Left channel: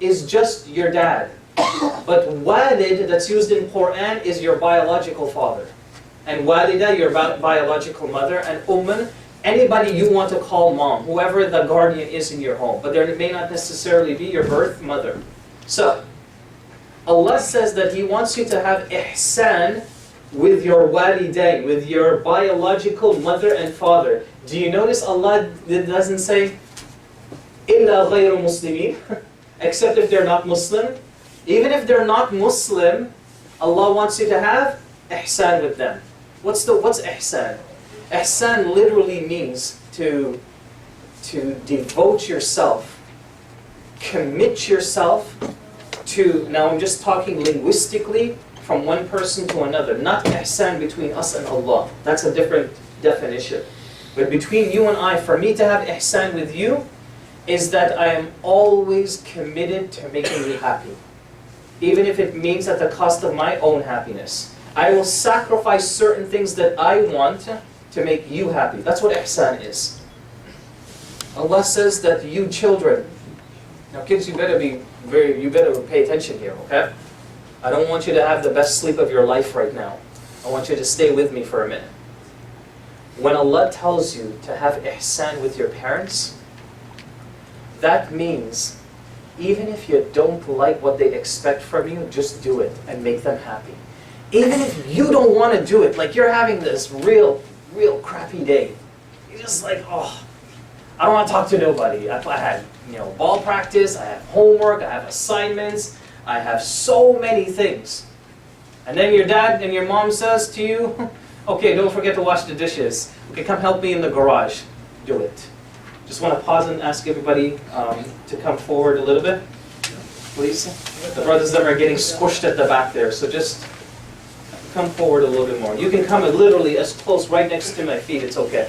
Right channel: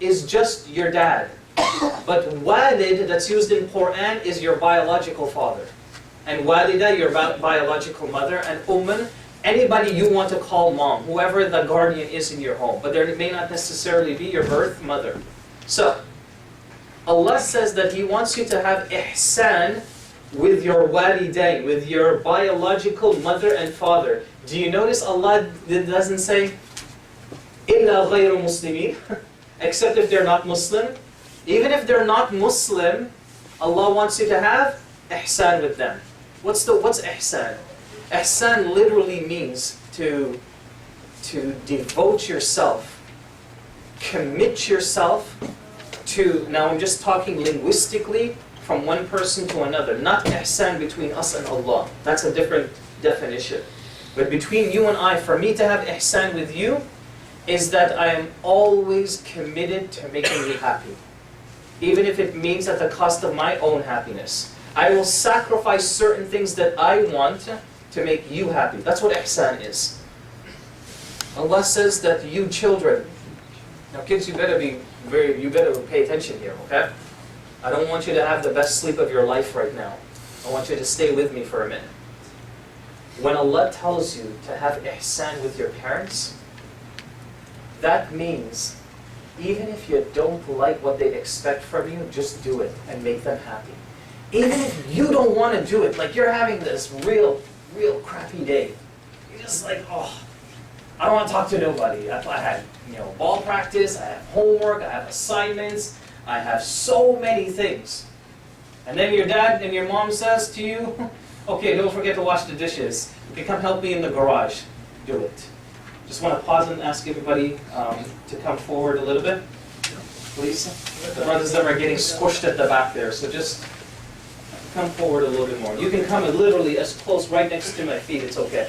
is just your dad. But walid, that's used in Quran, is your biological father. And walida, your biological mother. And umman, anybody you want to call mom, whoever the guardian is in your home. But there may not necessarily be your birth mother. So, Allah says that He wants you to have ihsan with your walidain, with your biological mother and father. Do you notice Allah doesn't say, إِلَّا غَيْرُ مُسْلِمِينَ, except if they're not Muslim? Even if they're not Muslim, Allah wants you to have ihsan with them. What's ihsan? Ihsan literally means to devote yourself, commit yourself to, now I'm just talking linguistically, from one person to another, not ihsan between us and Allah. That's a different definition. But between you and I, for me to have ihsan with you, is that I am always committed to making you happy. Even if it means at the cost of my own happiness. I will sacrifice certain things that I want to make you happy. That's what ihsan is. Allah says that you children, now kids, you better pay attention here, okay? I don't want you to have the best sleep of your life right now. I want you to stay with me for a minute. When Allah tells you to have ihsan with your parents, that means even if you don't like what they expect from you, just do it and make them happy. Even if you don't want to do it, like you're having this real crappy day. You're just like, oh, I don't want to talk to nobody. I had ball practice, I have homework, I have assignments, I have so many things. And then your dad and your mom says to you, okay, don't forget to wash the dishes. Okay, come help me in the garage. Do it. Just want to pause and ask everybody to come forward a little bit, please. The brothers that are getting squished at the back there, so just come forward a little bit more. You can come literally as close right next to my feet, it's okay.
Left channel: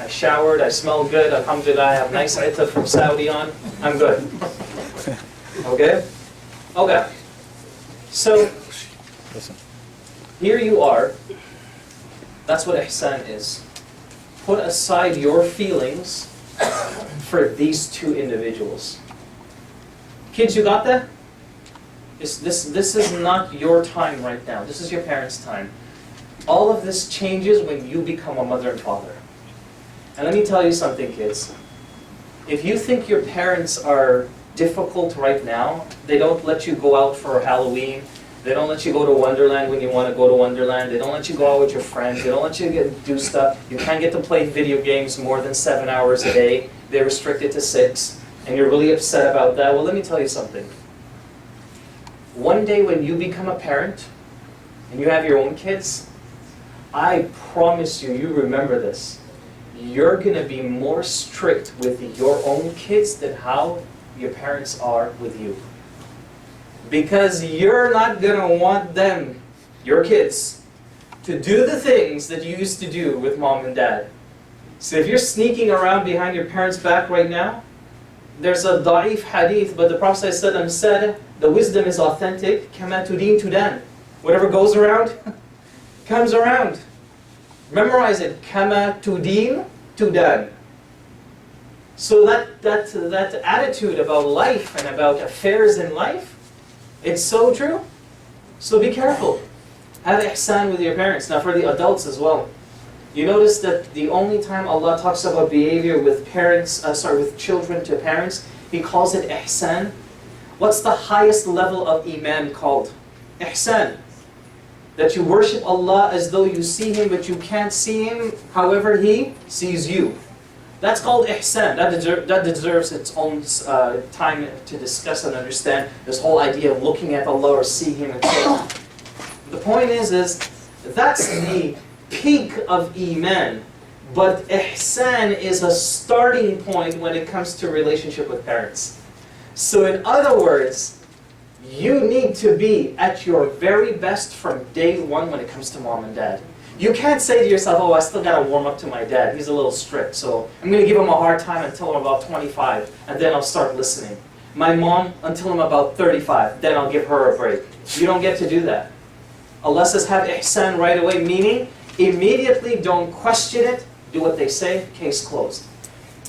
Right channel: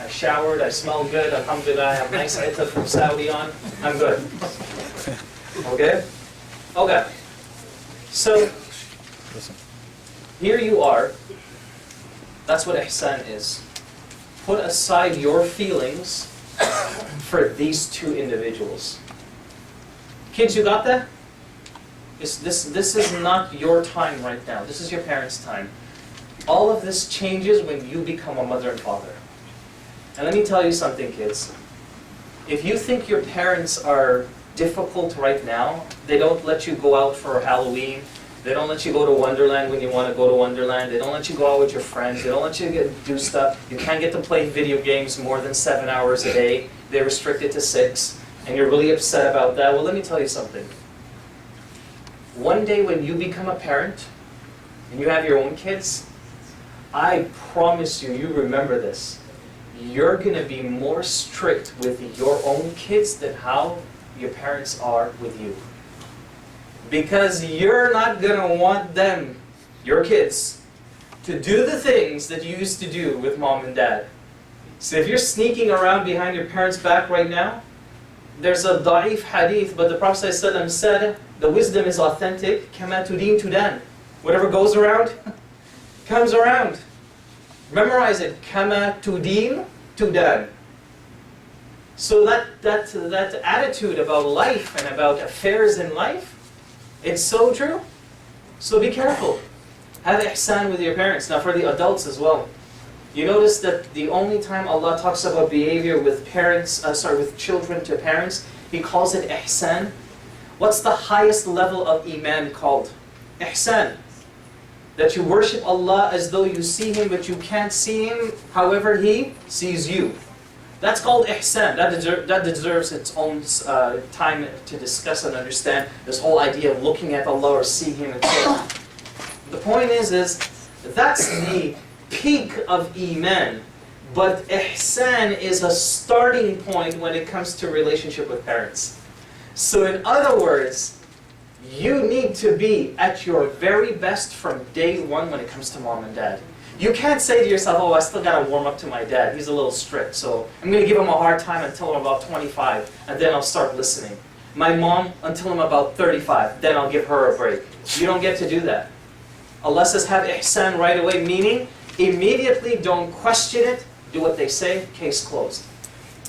I showered, I smell good, alhamdulillah, I have nice itta from Saudi on, I'm good. Okay? Okay. So, here you are. That's what ihsan is. Put aside your feelings for these two individuals. Kids, you got that? This is not your time right now. This is your parents' time. All of this changes when you become a mother and father. And let me tell you something, kids. If you think your parents are difficult right now, they don't let you go out for Halloween, they don't let you go to Wonderland when you want to go to Wonderland, they don't let you go out with your friends, they don't let you do stuff, you can't get to play video games more than 7 hours a day, they restrict it to 6, and you're really upset about that. Well, let me tell you something. One day when you become a parent, and you have your own kids, I promise you, you remember this, you're going to be more strict with your own kids than how your parents are with you. Because you're not going to want them, your kids, to do the things that you used to do with mom and dad. So if you're sneaking around behind your parents' back right now, there's a da'if hadith, but the Prophet ﷺ said, the wisdom is authentic, كَمَا تُدِينُ تُدَانُ. Whatever goes around, comes around. Memorize it, كَمَا تُدِينُ تُدَانُ. So that attitude about life and about affairs in life, it's so true. So be careful. Have ihsan with your parents. Now for the adults as well. You notice that the only time Allah talks about behavior with with children to parents, He calls it ihsan. What's the highest level of iman called? Ihsan. That you worship Allah as though you see Him, but you can't see Him, however He sees you. That's called ihsan. That deserves its own time to discuss and understand this whole idea of looking at Allah or seeing Him and so on. The point is that's the peak of iman. But ihsan is a starting point when it comes to relationship with parents. So in other words, you need to be at your very best from day one when it comes to mom and dad. You can't say to yourself, oh, I still got to warm up to my dad. He's a little strict, so I'm going to give him a hard time until I'm about 25, and then I'll start listening. My mom, until I'm about 35, then I'll give her a break. You don't get to do that. Allah says, have ihsan right away, meaning immediately don't question it, do what they say, case closed.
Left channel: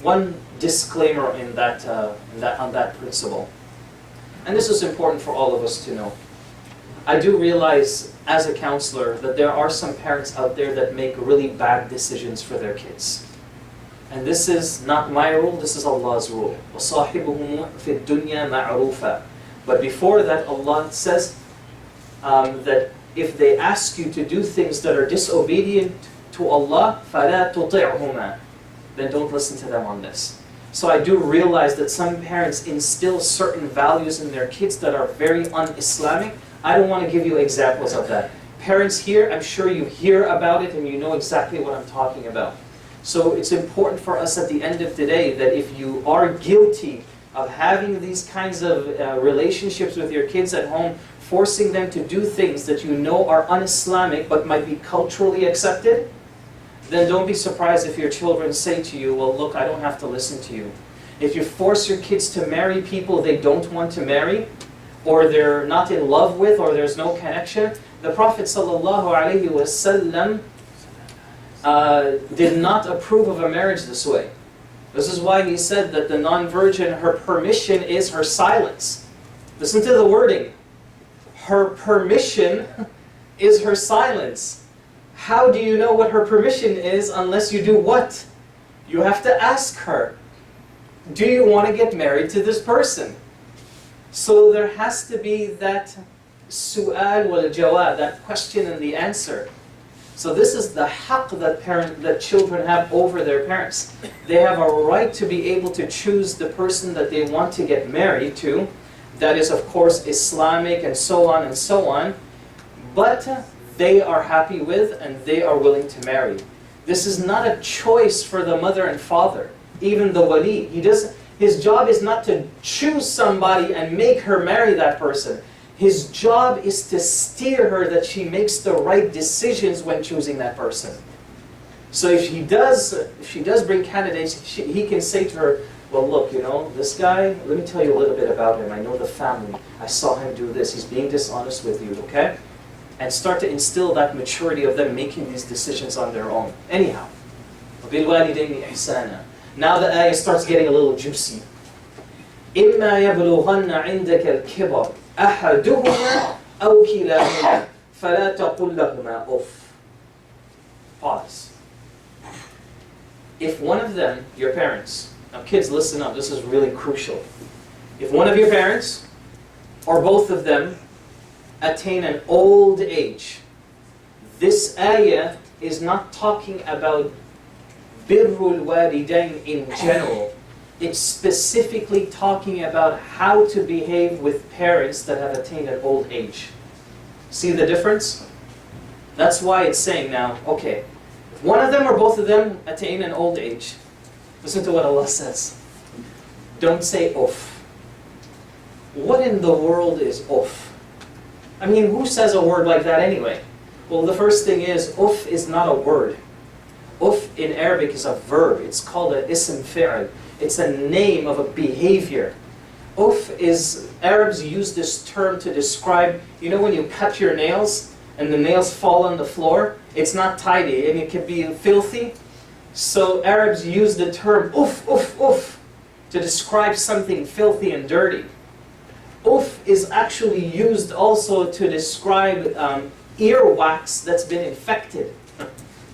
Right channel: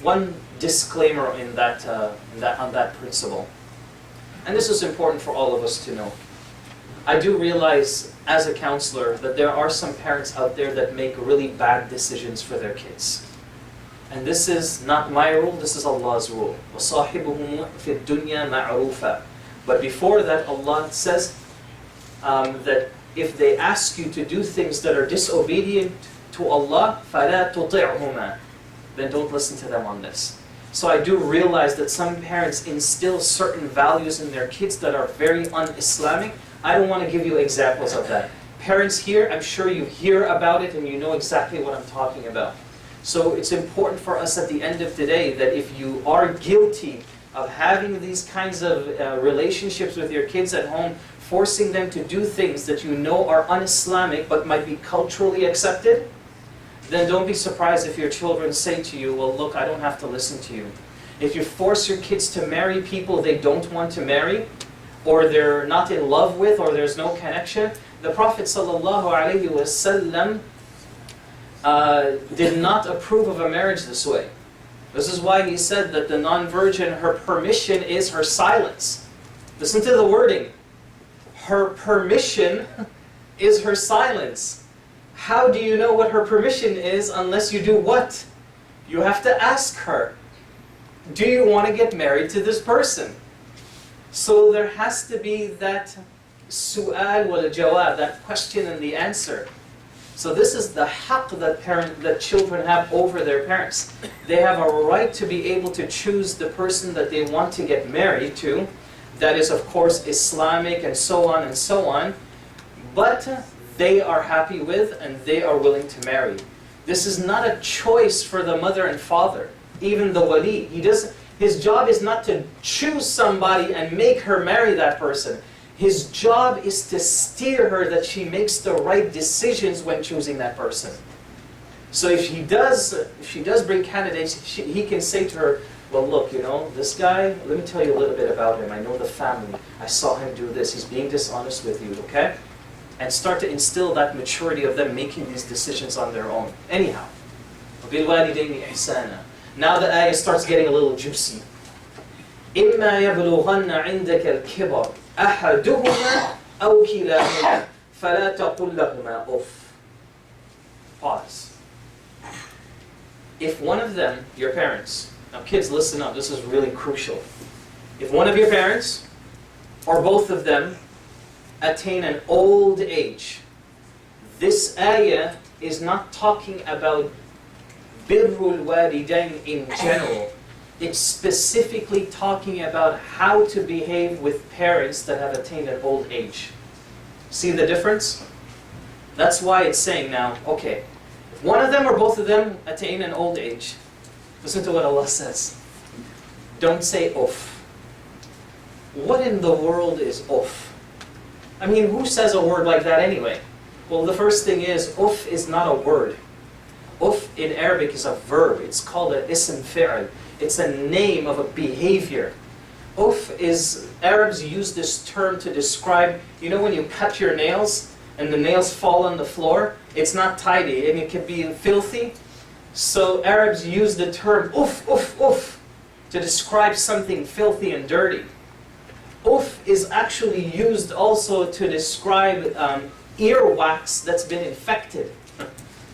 One disclaimer on that principle. And this is important for all of us to know. I do realize as a counselor that there are some parents out there that make really bad decisions for their kids. And this is not my rule, this is Allah's rule. وَصَاحِبُهُمْ فِي الدُّنْيَا مَعْرُوفًا. But before that, Allah says that if they ask you to do things that are disobedient to Allah, فَلَا تُطِعْهُمَا, then don't listen to them on this. So I do realize that some parents instill certain values in their kids that are very un-Islamic. I don't want to give you examples of that. Parents here, I'm sure you hear about it and you know exactly what I'm talking about. So it's important for us at the end of the day that if you are guilty of having these kinds of relationships with your kids at home, forcing them to do things that you know are un-Islamic but might be culturally accepted, then don't be surprised if your children say to you, well, look, I don't have to listen to you. If you force your kids to marry people they don't want to marry, or they're not in love with, or there's no connection, the Prophet ﷺ did not approve of a marriage this way. This is why he said that the non-virgin, her permission is her silence. Listen to the wording. Her permission is her silence. How do you know what her permission is unless you do what? You have to ask her. Do you want to get married to this person? So there has to be that su'al wal jawab, that question and the answer. So this is the haqq that children have over their parents. They have a right to be able to choose the person that they want to get married to. That is, of course, Islamic and so on and so on. But they are happy with and they are willing to marry. This is not a choice for the mother and father, even the wali. His job is not to choose somebody and make her marry that person. His job is to steer her that she makes the right decisions when choosing that person. So if she does bring candidates, he can say to her, well, look, you know, this guy, let me tell you a little bit about him. I know the family. I saw him do this. He's being dishonest with you, okay? And start to instill that maturity of them making these decisions on their own. Anyhow, وَبِالْوَالِدَيْنِ إِحْسَانًا. Now the ayah starts getting a little juicy. إِمَّا يَبْلُغَنَّ عِنْدَكَ الْكِبَرِ أَحَدُهُمَا أَوْ كِلَاهُمَا فَلَا تَقُلْ لَهُمَا أُفٍّ. Pause. If one of them, your parents, now kids listen up, this is really crucial. If one of your parents, or both of them, attain an old age, this ayah is not talking about birrul walidain in general. It's specifically talking about how to behave with parents that have attained an old age. See the difference? That's why it's saying now, okay, if one of them or both of them attain an old age, listen to what Allah says. Don't say uff. What in the world is uff? I mean, who says a word like that anyway? Well, the first thing is, uff is not a word. Uff in Arabic is a verb. It's called an ism fi'l. It's a name of a behavior. Uff is, Arabs use this term to describe, you know when you cut your nails and the nails fall on the floor? It's not tidy and it can be filthy. So Arabs use the term uff, uff, uff to describe something filthy and dirty. Uff is actually used also to describe earwax that's been infected.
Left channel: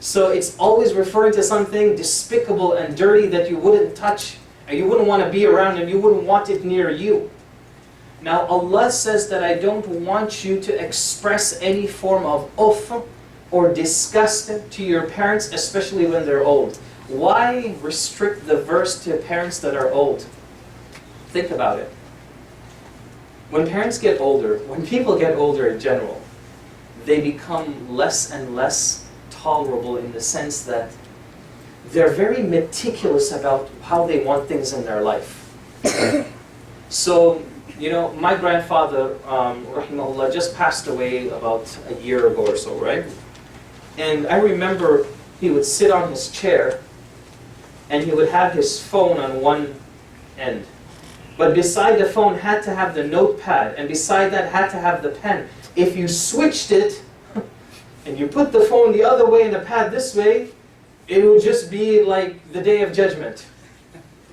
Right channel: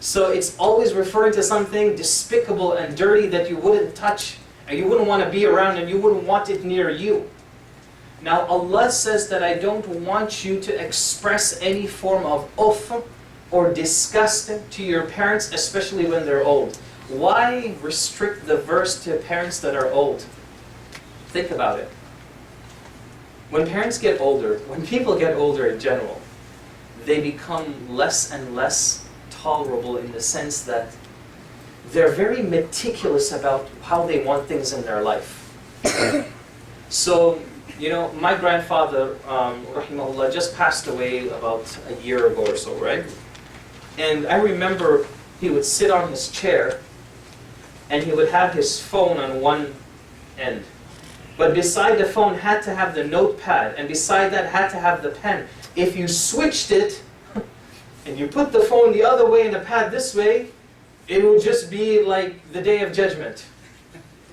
So it's always referring to something despicable and dirty that you wouldn't touch, and you wouldn't want to be around, and you wouldn't want it near you. Now Allah says that I don't want you to express any form of uff or disgust to your parents, especially when they're old. Why restrict the verse to parents that are old? Think about it. When parents get older, when people get older in general, they become less and less tolerable in the sense that they're very meticulous about how they want things in their life. So, you know, my grandfather, rahimahullah, just passed away about a year ago or so, right? And I remember he would sit on his chair and he would have his phone on one end. But beside the phone had to have the notepad, and beside that had to have the pen. If you switched it, and you put the phone the other way and the pad this way, it would just be like the day of judgment.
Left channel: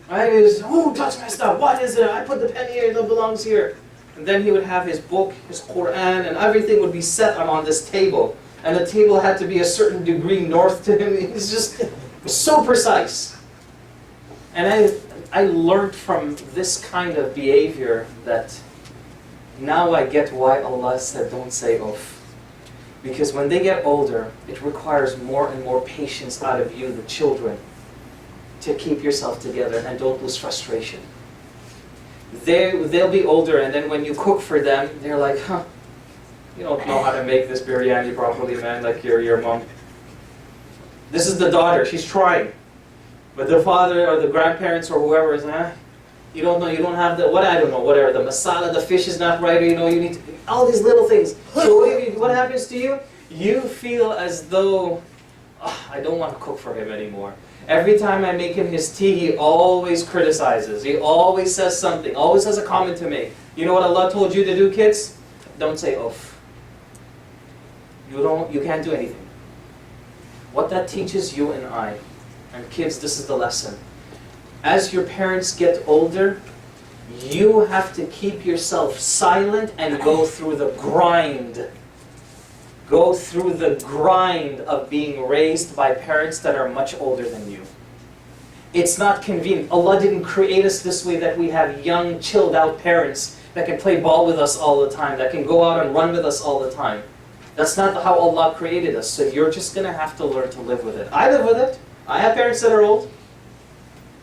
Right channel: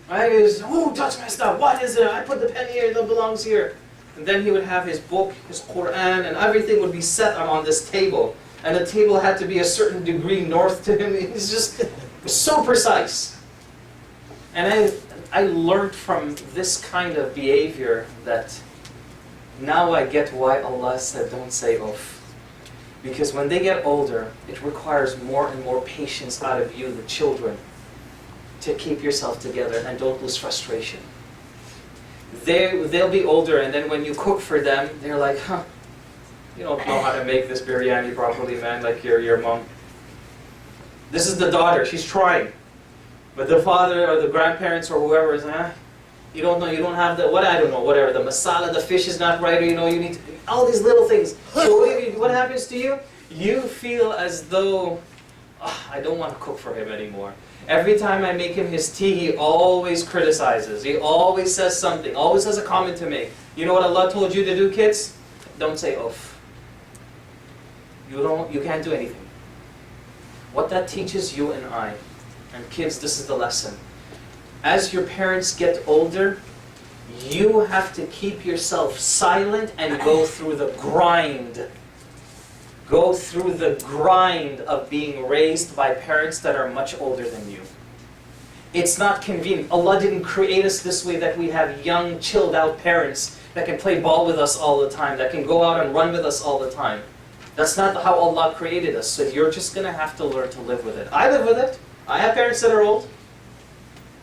Right? It was, who touched my stuff? What is it? I put the pen here, it belongs here. And then he would have his book, his Quran, and everything would be set on this table. And the table had to be a certain degree north to him. He's just so precise. And I learned from this kind of behavior that now I get why Allah said don't say uff. Because when they get older, it requires more and more patience out of you, the children, to keep yourself together and don't lose frustration. They'll be older, and then when you cook for them, they're like, huh, you don't know how to make this biryani properly, man, like your mom. This is the daughter, she's trying. But the father or the grandparents or whoever is, you don't know, you don't have the, I don't know, whatever, the masala, the fish is not right, or you need to, all these little things. So what happens to you? You feel as though, I don't want to cook for him anymore. Every time I make him his tea, he always criticizes. He always says something, always has a comment to make. You know what Allah told you to do, kids? Don't say uff. You can't do anything. What that teaches you and I, and kids, this is the lesson. As your parents get older, you have to keep yourself silent and go through the grind. Go through the grind of being raised by parents that are much older than you. It's not convenient. Allah didn't create us this way that we have young, chilled out parents that can play ball with us all the time, that can go out and run with us all the time. That's not how Allah created us. So you're just going to have to learn to live with it. I live with it. I have parents that are old.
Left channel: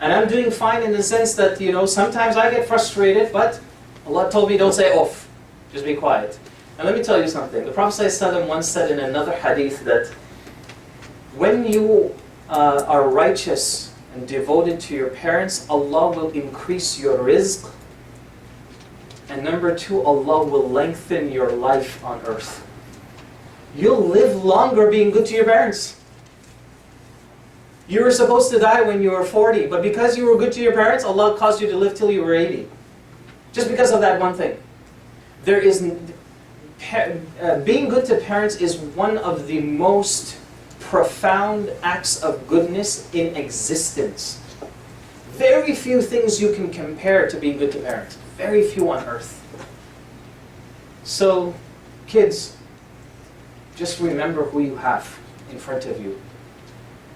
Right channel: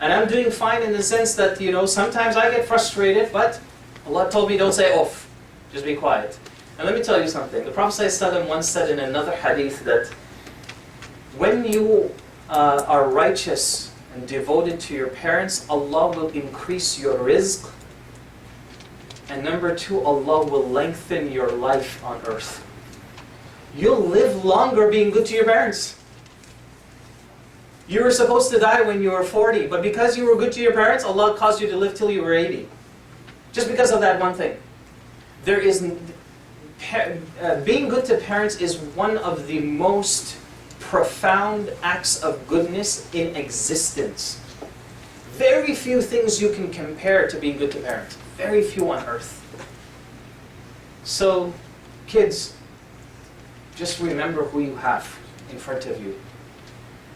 And I'm doing fine in the sense that, sometimes I get frustrated, but Allah told me don't say uff. Just be quiet. And let me tell you something. The Prophet ﷺ once said in another hadith that when you are righteous and devoted to your parents, Allah will increase your rizq. And number two, Allah will lengthen your life on earth. You'll live longer being good to your parents. You were supposed to die when you were 40, but because you were good to your parents, Allah caused you to live till you were 80. Just because of that one thing. Being good to parents is one of the most profound acts of goodness in existence. Very few things you can compare to being good to parents. Very few on earth. So, kids, just remember who you have in front of you.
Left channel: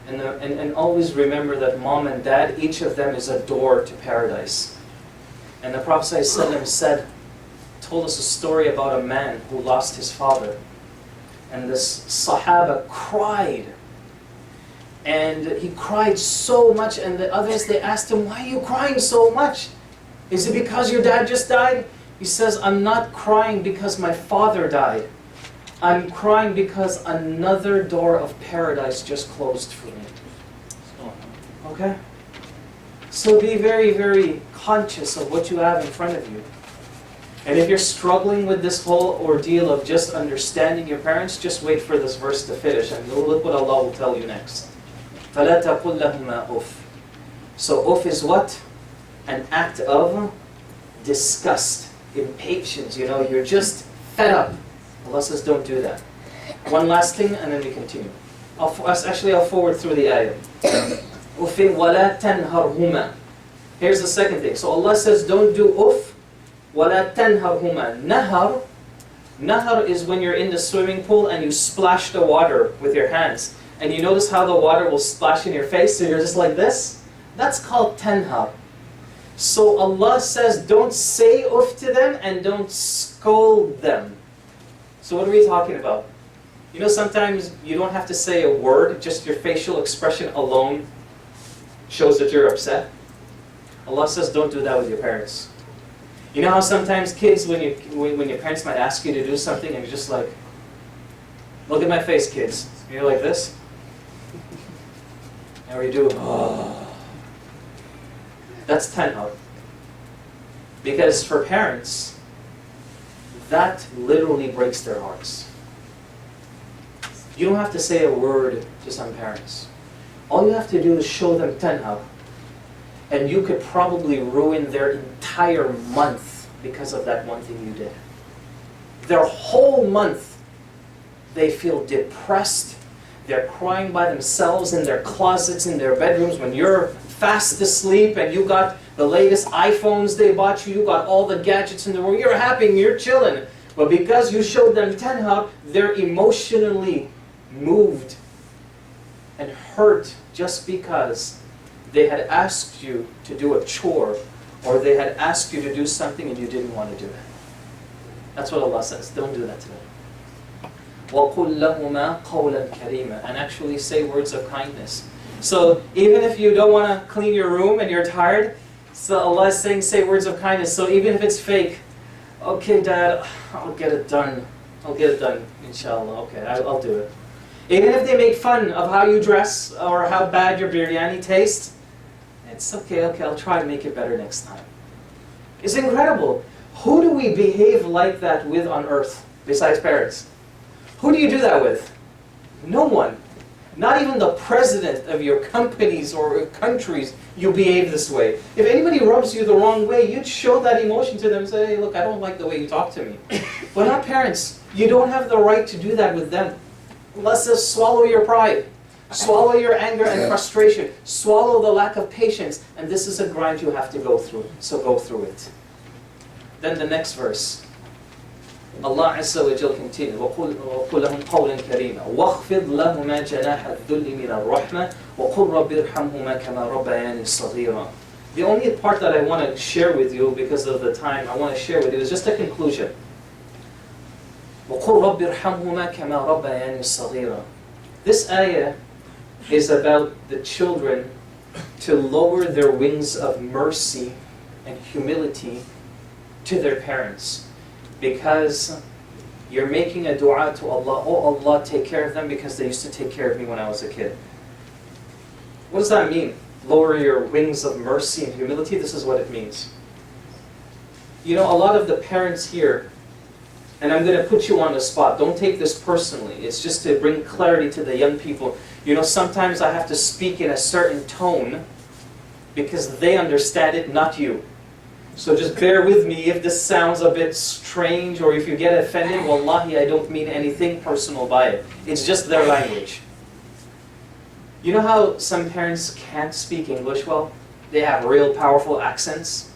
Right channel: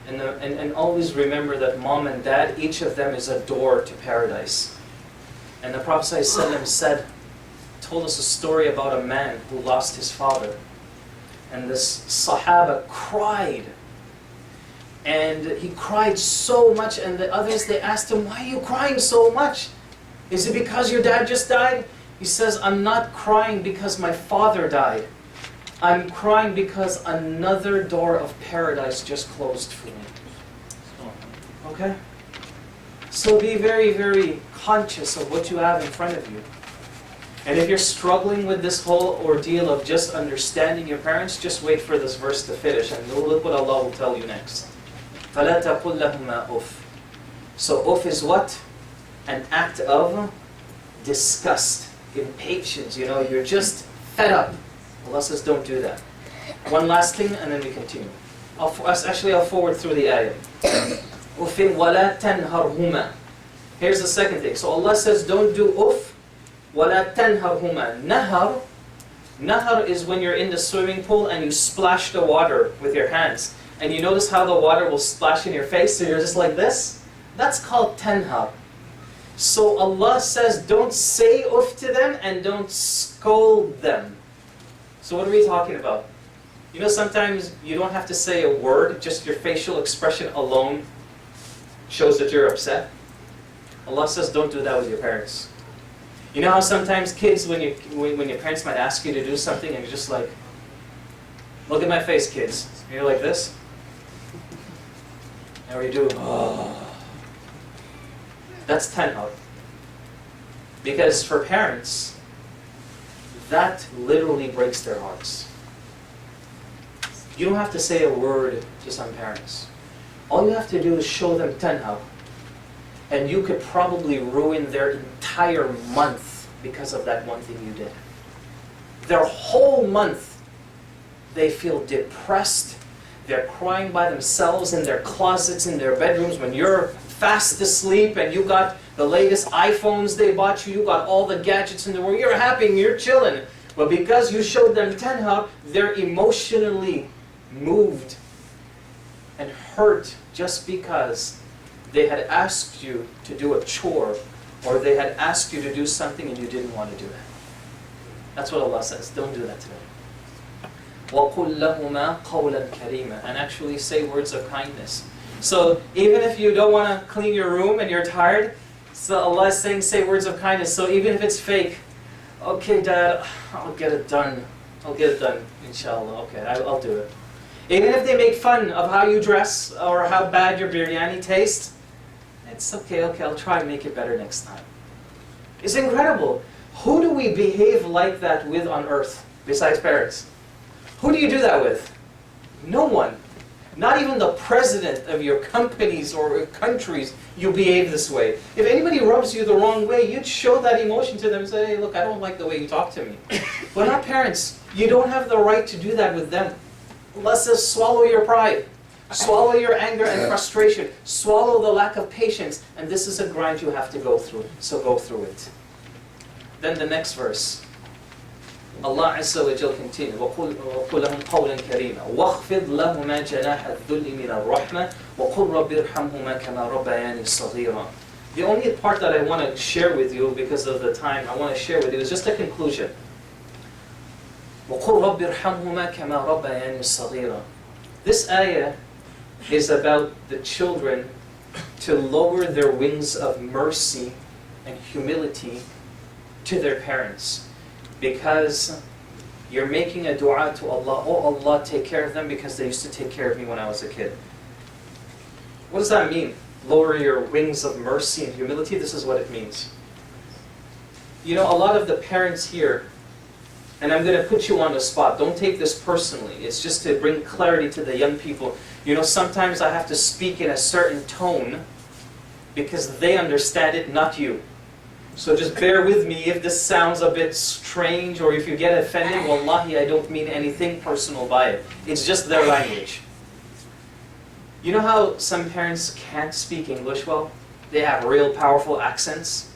And always remember that mom and dad, each of them is a door to paradise. And the Prophet ﷺ told us a story about a man who lost his father. And this Sahaba cried. And he cried so much, and the others, they asked him, why are you crying so much? Is it because your dad just died? He says, I'm not crying because my father died. I'm crying because another door of paradise just closed for me. Okay? So be very, very conscious of what you have in front of you. And if you're struggling with this whole ordeal of just understanding your parents, just wait for this verse to finish, and look what Allah will tell you next. فَلَا تَقُلْ لَهُمَا أُفٍّ. So uff is what? An act of disgust, impatience. You're just fed up. Allah says don't do that. One last thing and then we continue. I'll forward through the ayah. Uff وَلَا تَنْهَرْهُمَا. Here's the second thing. So Allah says don't do uff. وَلَا تَنْهَرْهُمَا. Nahar is when you're in the swimming pool and you splash the water with your hands. And you notice how the water will splash in your face, so you're just like this? That's called tanhar. So Allah says don't say uff to them and don't scold them. So what are we talking about? Sometimes you don't have to say a word, just your facial expression alone shows that you're upset. Allah says don't do that with your parents. You know how sometimes kids, when your parents might ask you to do something and you're just like, look at my face, kids. And you're like this. And you do, oh. That's tanhar. Because for parents, that literally breaks their hearts. You don't have to say a word to some parents. All you have to do is show them tanhar. And you could probably ruin their entire month because of that one thing you did. Their whole month, they feel depressed. They're crying by themselves in their closets, in their bedrooms. When you're fast asleep and you got the latest iPhones they bought you, you got all the gadgets in the world, you're happy and you're chilling. But because you showed them tanha, they're emotionally moved and hurt just because they had asked you to do a chore or they had asked you to do something and you didn't want to do it. That's what Allah says. Don't do that to them. وَقُلْ لَهُمَا قَوْلًا كَرِيمًا, and actually say words of kindness. So even if you don't want to clean your room and you're tired, so Allah is saying say words of kindness. So even if it's fake, okay Dad, I'll get it done. I'll get it done, inshallah. Okay, I'll do it. Even if they make fun of how you dress or how bad your biryani tastes, it's okay, I'll try to make it better next time. It's incredible. Who do we behave like that with on earth besides parents? Who do you do that with? No one. Not even the president of your companies or countries, you behave this way. If anybody rubs you the wrong way, you'd show that emotion to them and say, hey, look, I don't like the way you talk to me. But not parents. You don't have the right to do that with them. Allah says, swallow your pride. Swallow your anger and frustration. Swallow the lack of patience. And this is a grind you have to go through. So go through it. Then the next verse. Allah Azza wa Jal continues, وَقُلْ لَهُمْ قَوْلًا كَرِيمًا وَاخْفِضْ لَهُمَا جَنَاحَ الذُّلِّ مِنَ الرَّحْمَةِ وَقُلْ رَبِّ ارْحَمْهُمَا كَمَا رَبَّيَانِي صَغِيرًا. The only part that I want to share with you, because of the time I want to share with you, is just a conclusion. وَقُلْ رَبِّ ارْحَمْهُمَا كَمَا رَبَّيَانِي صَغِيرًا. This ayah is about the children to lower their wings of mercy and humility to their parents. Because you're making a dua to Allah, oh Allah, take care of them because they used to take care of me when I was a kid. What does that mean? Lower your wings of mercy and humility? This is what it means. You know, a lot of the parents here, and I'm going to put you on the spot, don't take this personally, it's just to bring clarity to the young people. You know, sometimes I have to speak in a certain tone because they understand it, not you. So just bear with me if this sounds a bit strange or if you get offended. Wallahi, I don't mean anything personal by it. It's just their language. You know how some parents can't speak English well? They have real powerful accents.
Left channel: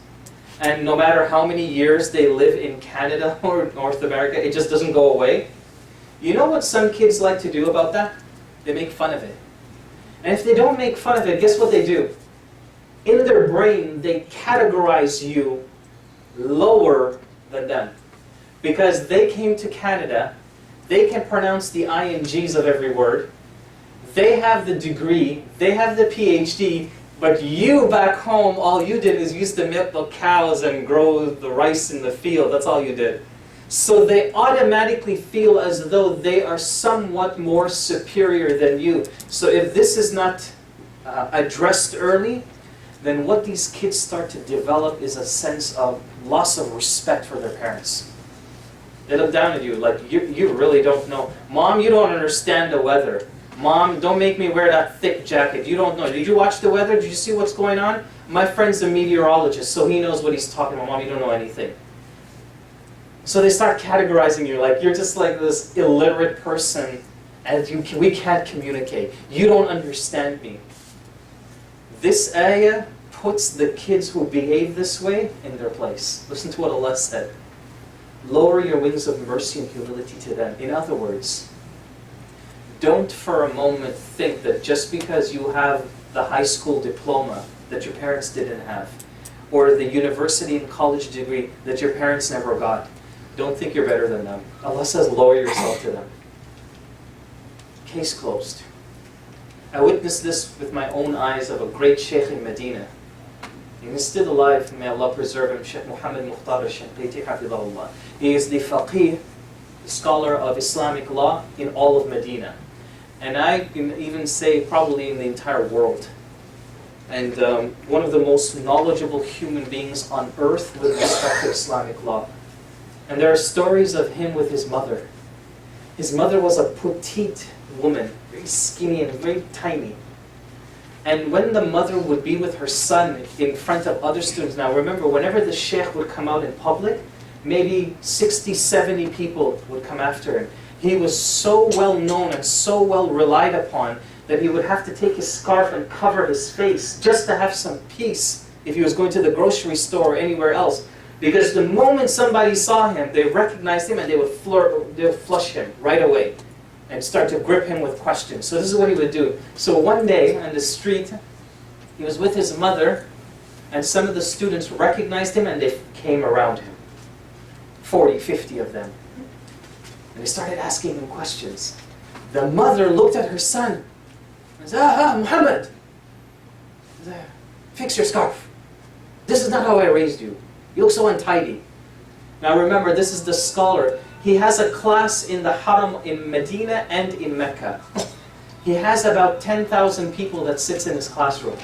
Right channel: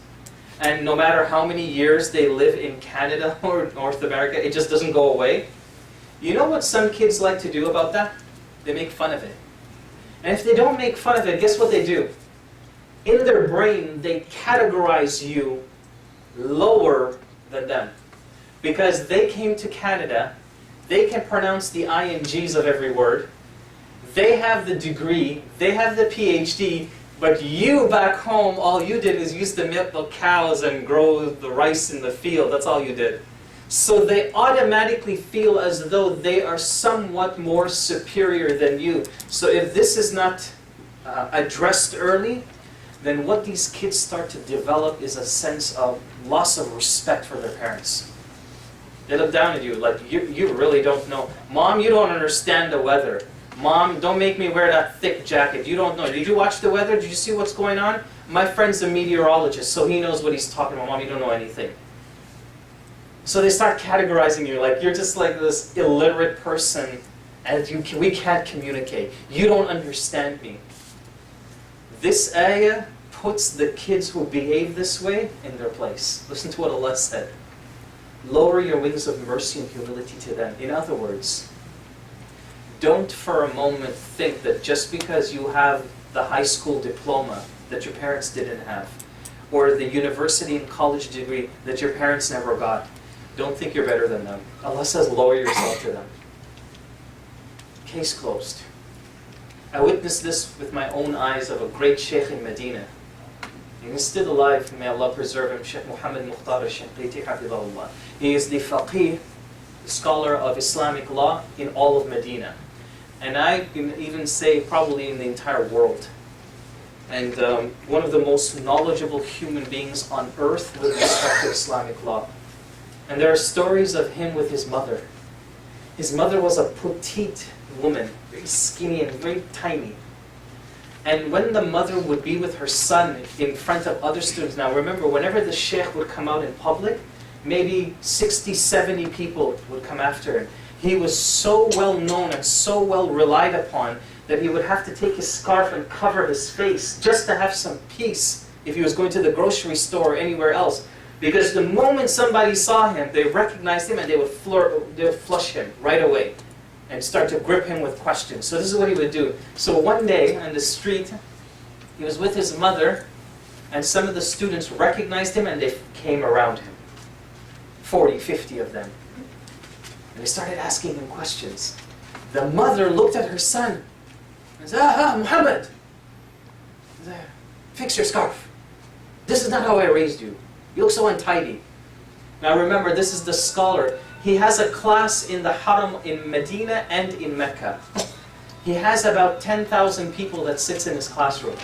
And no matter how many years they live in Canada or North America, it just doesn't go away. You know what some kids like to do about that? They make fun of it. And if they don't make fun of it, guess what they do? In their brain, they categorize you lower than them. Because they came to Canada, they can pronounce the INGs of every word, they have the degree, they have the PhD, but you back home, all you did is use to milk the cows and grow the rice in the field. That's all you did. So they automatically feel as though they are somewhat more superior than you. So if this is not addressed early, then what these kids start to develop is a sense of loss of respect for their parents. They look down at you like, you really don't know. Mom, you don't understand the weather. Mom, don't make me wear that thick jacket. You don't know. Did you watch the weather? Did you see what's going on? My friend's a meteorologist, so he knows what he's talking about. Mom, you don't know anything. So they start categorizing you like you're just like this illiterate person and we can't communicate. You don't understand me. This ayah puts the kids who behave this way in their place. Listen to what Allah said. Lower your wings of mercy and humility to them. In other words, don't for a moment think that just because you have the high school diploma that your parents didn't have, or the university and college degree that your parents never got, don't think you're better than them. Allah says lower yourself to them. Case closed. I witnessed this with my own eyes of a great Sheikh in Medina. He's still alive, may Allah preserve him, Sheikh Muhammad Mukhtar al-Shanqiti hafidhahullah. He is the faqih, scholar of Islamic law in all of Medina. And I can even say probably in the entire world. And one of the most knowledgeable human beings on earth with respect to Islamic law. And there are stories of him with his mother. His mother was a petite woman, very skinny and very tiny. And when the mother would be with her son in front of other students, now remember, whenever the sheikh would come out in public, maybe 60, 70 people would come after him. He was so well known and so well relied upon that he would have to take his scarf and cover his face just to have some peace if he was going to the grocery store or anywhere else. Because the moment somebody saw him, they recognized him and they would flush him right away and start to grip him with questions. So this is what he would do. So one day on the street, he was with his mother, and some of the students recognized him and they came around him. 40, 50 of them. And they started asking him questions. The mother looked at her son and said, Muhammad, fix your scarf. This is not how I raised you. You look so untidy. Now remember, this is the scholar. He has a class in the Haram in Medina and in Mecca. He has about 10,000 people that sits in his classroom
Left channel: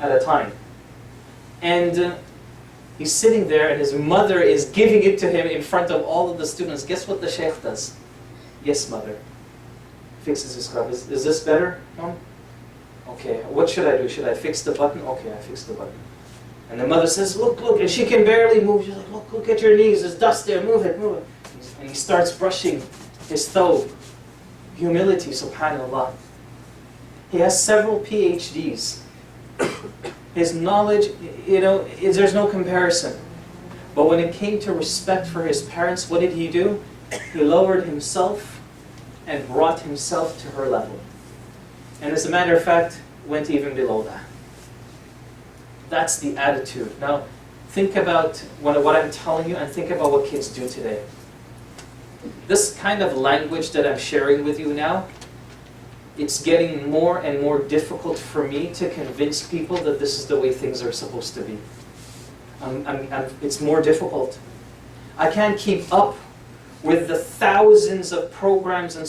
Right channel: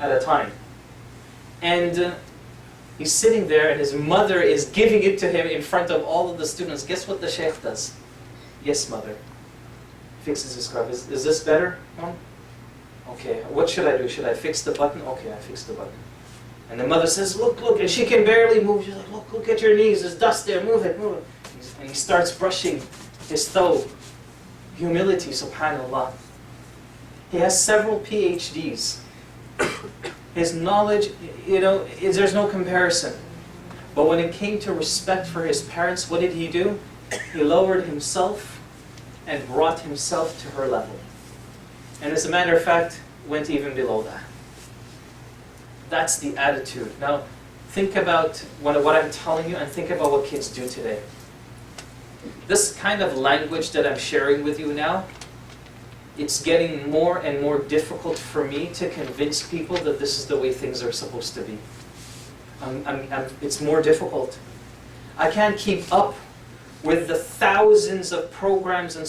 at a time. And he's sitting there and his mother is giving it to him in front of all of the students. Guess what the Sheikh does? Yes, mother. Fixes his scarf. Is this better, Mom? Okay, what should I do? Should I fix the button? Okay, I fix the button. And the mother says, look, look, and she can barely move. She's like, look at your knees, there's dust there, move it, move it. And he starts brushing his thobe. Humility, subhanAllah. He has several PhDs. His knowledge, there's no comparison. But when it came to respect for his parents, what did he do? He lowered himself and brought himself to her level. And as a matter of fact, went even below that. That's the attitude. Now, think about what I'm telling you and think about what kids do today. This kind of language that I'm sharing with you now, it's getting more and more difficult for me to convince people that this is the way things are supposed to be. It's more difficult. I can't keep up with the thousands of programs and